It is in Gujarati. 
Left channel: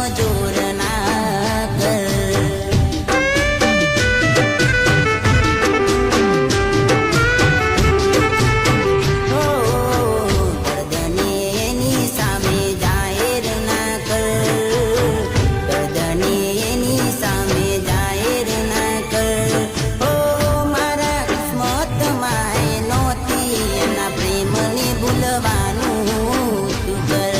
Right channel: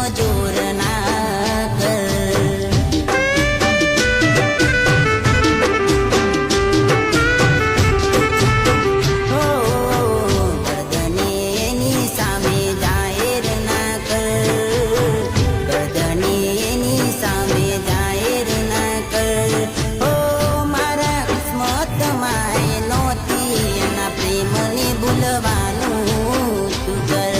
કમજોર ના કર. ગરદને એની સામે જાહેર ના કર. ગરદને એની સામે જાહેર ના કર. હો મારા કિસ્મતમાં એ નહોતી એના પ્રેમને ભૂલવાનું તું કર.